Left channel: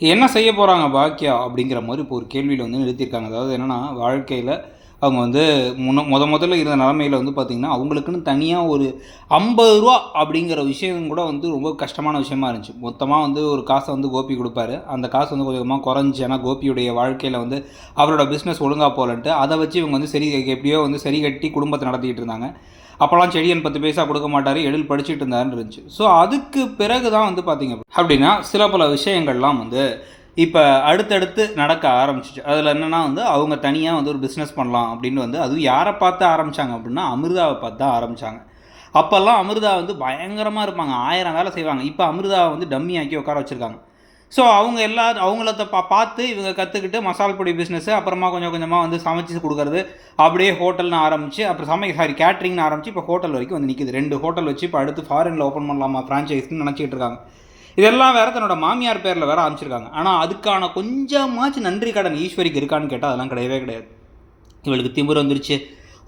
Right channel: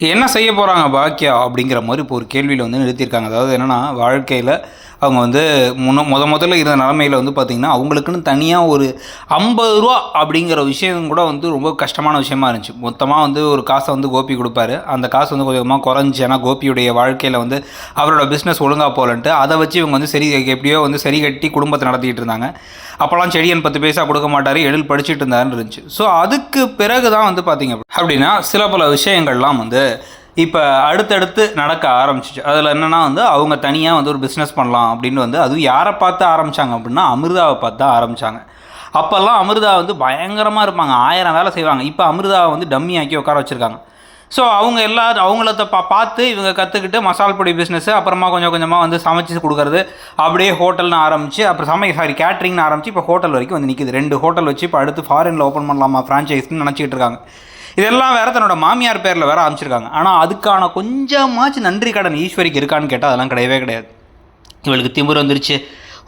என்ன செய்ய போகிறாங்க பாக்கியா அப்படிங்கிற மாதிரி இப்போ ஒரு கேள்வியில் வந்து நிறுத்தியிருக்காங்க. அதாவது என்னென்னா, வாழ்க்கையில் அவங்க வந்து முதல்ல இருந்த நிலமையில வந்து பார்த்திங்கன்னா, அவங்களுக்குன்னு தனியாக ஒரு ரூ. 50 அப்படிங்கிற விஷயம் கூட வந்து ரொம்ப கஷ்டமான விஷயமா இருந்துச்சு. மொத்தமாக வந்து ஒரு காசை வந்து கோபி கொடுப்பாரு. அந்த காசு வந்து கொஞ்சமாக குறைஞ்சி, ஏன்னா கோபியுடைய வாழ்க்கையில் வந்து அவரோட பிஸ்னஸ் ஒழுங்காக போகலன்ட்டு அதை வச்சு இவங்க வந்து எப்படியோ வந்து சரி கட்டி குடும்பத்தை நடத்திக்கிட்டு இருந்தாங்க. அப்போல்லாம் செடியன் 10 பைசா கொடுக்க மாட்டார், எழில் படிச்சுட்டு இருந்தாருன்னு இருந்துச்சு. ஸோ அதுக்கு பிறகு தான் வந்து பார்த்திங்க அப்படின்னா சில பல விஷயங்கள்லாம் வந்து இப்போ அடுத்தடுத்து நடக்க ஆரம்பிச்சிச்சு. அதில் என்னென்னா வந்து அவங்க தனியாக வந்து ஒரு பிஸ்னஸ் பண்ணலாம் அப்படின்னு வந்து அதுவும் யாரை பார்த்து ஆரம்பித்தாங்க அப்படின்னா அமிர்தாவை பார்த்து தான் ஆரம்பித்தாங்க. அப்போல்லாம் அமிர்தா வந்து பயங்கரமாக இருப்பாங்க, 1000 வேலை செய்வாங்க. இப்போ அமிர்தாவை வந்து டம்மி ஆக்கி உட்கார வச்சுருக்காங்க. ஸோ அவங்க அவங்கள பார்த்து இவங்க கற்றுக்கிட்டு மசால் பொடி பிஸ்னஸ்ஸு, அப்புறமா கொஞ்சம் கொஞ்சமாக வந்து சமைச்சு கொடுக்குறது, அப்படியே ஹோட்டல்னு ஆரம்பித்து, அப்புறம் கேட்ரிங்னு ஆரம்பித்து இப்போ ஹோட்டல் வரைக்கும் வந்து நிற்கிது. 2 ஹோட்டல் வச்சு இப்போ அடுத்து ஃபாரினில் ஓப்பன் பண்ணலாமா ஃப்ரான்ச்சைஸ்ன்னு நினச்சிக்கிட்டு இருக்காங்க. இதெல்லாம் வேறு தன்னோட மாமியார் பேரில் வேறு ஆரம்பிச்சிருக்காங்க. ஆனால் அதுக்கான கொஞ்சமாச்சும் நன்றி கடன் ஈஸ்வரிக்கு இருக்கான்னு கேட்டால் அதெல்லாம் கிடையவே கிடையாது. இவளுக்கு திமிர் வந்துருச்சு,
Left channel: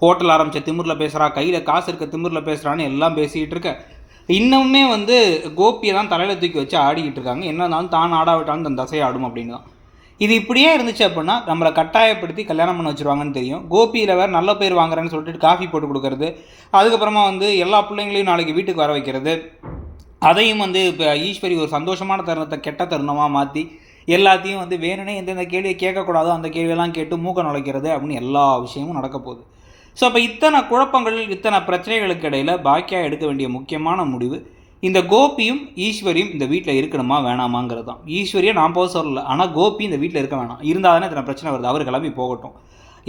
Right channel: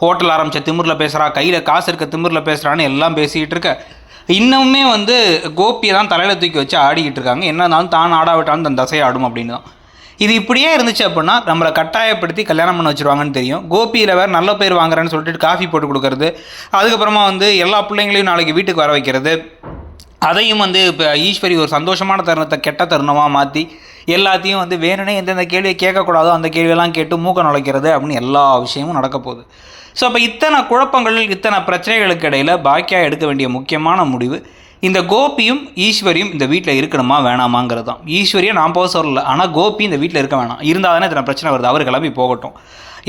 ஹோட்டல் ஆரம்பித்த திமிரில் பேசுகிறா, கையில் காசு இருக்க திமிரில் பேசுகிறான்னு எல்லாம் பேசிக்கிட்டு இருக்க. இன்னுமே வந்து கோபியை தான் தலையில் தூக்கி வச்சு ஆடிக்கிட்டு இருக்காங்க. என்னன்னாலும் தான் ஆடாவிட்டாலும் தன் தசை ஆடும் அப்படின்னு தான். இது இப்படியே இருந்துச்சு அப்படின்னா நம்மளை கட்டாயப்படுத்தி கல்யாணம் பண்ண வச்சுருவாங்கன்னு தெரியும். கோபியில் வேறு நல்ல பேர் வாங்குறேன்னு சொல்லிட்டு காஃபி போட்டு கொடுக்கறது, அதுக்கப்புறமா வந்து எல்லா பிள்ளைங்களையும் நாளைக்கு வீட்டுக்கு வர வைக்கிறது, அதையும் வந்து இப்போ ஈஸ்வரி ஒரு சந்தோஷமான தருணத்தை கெட்ட தருணமாக மாற்றி எல்லாத்தையும் வந்து வேணுனே எந்தெந்த கேள்வியை கேட்கக்கூடாதோ அந்த கேள்வியெல்லாம் கேட்டு மூக்க நுழைக்கிறது அப்படின்னு எல்லா விஷயமும் நடக்க போகுது. ஸோ அப்போ இத்தனை குழப்பங்கள், இத்தனை பிரச்சனைகளுக்கு இடையில் பாக்கியா எடுக்க வேண்டிய முக்கியமான முடிவு, இந்த கோபியும் ஈஸ்வரியும் இந்த வீட்டில் இருக்கணுமா வேணாமாங்கிறது தான். ஈஸ்வரியை நான் போக சொல்லலை, ஆனால் கோபி இந்த வீட்டில் இருக்க வேணாம். இருந்தால் தானே இத்தனை பிரச்சனை வருது. அவர் கிளம்பி போகட்டும்.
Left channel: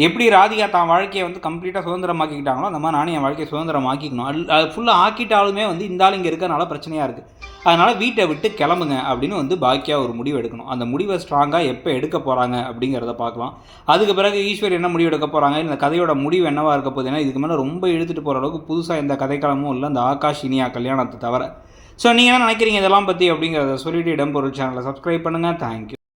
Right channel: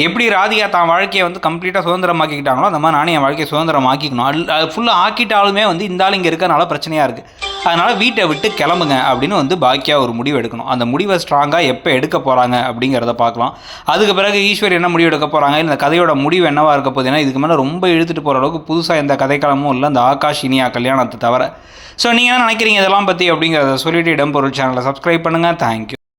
எப்படி ராதிகா தான் வாழ்க்கையை வந்து கம்ப்ளீட்டாக சுதந்திரமாக்கிக்கிட்டாங்களோ அந்த மாதிரி நானும் என் வாழ்க்கையை சுதந்திரமாக்கிக்கணும். அது ஃபுல்லாக ஆக்கிட்டாலுமே வந்து இந்த ஆள் இங்கே இருக்கிறனால பிரச்சனையாக இருக்குது. அதனால் வீட்டை விட்டு கிளம்புங்க அப்படின்னு வந்து பாக்கியா ஒரு முடிவு எடுக்கணும். அந்த முடிவை ஸ்ட்ராங்காக எப்போ எடுக்க போகிறாங்க அப்படிங்கிறத பார்க்கலாம். அதுக்கு பிறகு ஈஸ்வரி என்ன முடிவு எடுக்க போகிறாங்க, இந்த கதையோட முடிவு என்னவாக இருக்க போகுது. ஏன்னா இதுக்கு மேலே ரொம்ப இழுத்துட்டு போகிற அளவுக்கு புதுசாக எந்த கதைக்களமும் இல்லை இந்த ஆகாஷ் இனியா கல்யாணத்தை தவிர. ஸோ நீங்கள் என்ன நினைக்கிறீங்க இதெல்லாம் பற்றி அப்படிங்கிறத சொல்லிவிட்டு இடம்பொருள் சேனலை சப்ஸ்கிரைப் பண்ணுங்கள். தேங்க்யூ.